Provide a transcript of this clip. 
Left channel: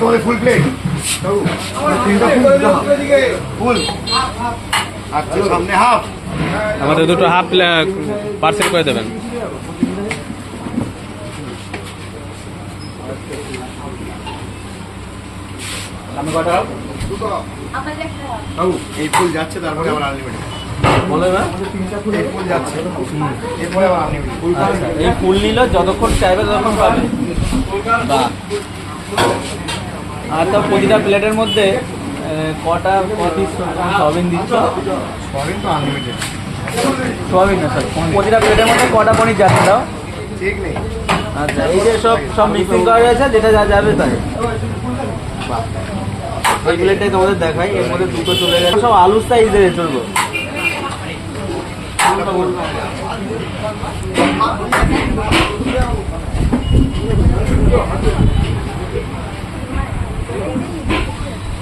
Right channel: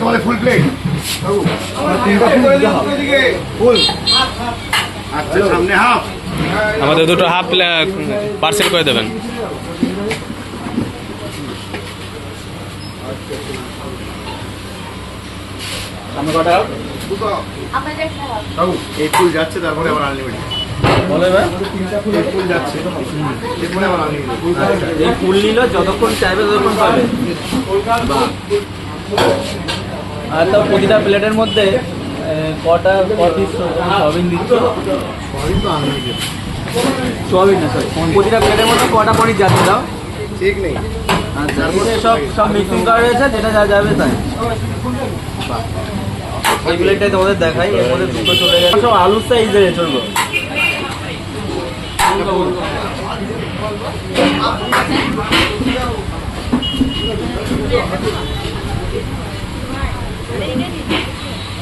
তোমাদের full plate তিনটা ফুল আচ্ছা সামনে হাফ আমাদের দুটো হাফ পার্সেল করে দেবেন। সামনে কটা দুটো এই ফুল যাচ্ছে তারপরে আবার আনলিমিটেড বলে না তিনটা ফুল ফুল যাচ্ছে এতে আবার আনলিমিটেড এই ফুল নিল যতক্ষণ চাইবে ততক্ষণ পাবে। আর তো প্রতিটা প্লেটের মধ্যে কটা পিস সয়াবিন দিচ্ছে? সবই তো আনলিমিটেড সয়াবিন না স্যার, প্রতিটা প্লেটের মধ্যে কটা পনির যাচ্ছে না? ঠিক নেই আচ্ছা, সব মিক্সিং করা রয়েছে, যেটা যা যাবে তাই। ওই প্লেটটাই তোমাদের দেখাই, এর মধ্যে দুটো চলে গেছে, সব আলুর সাইজের চলবে।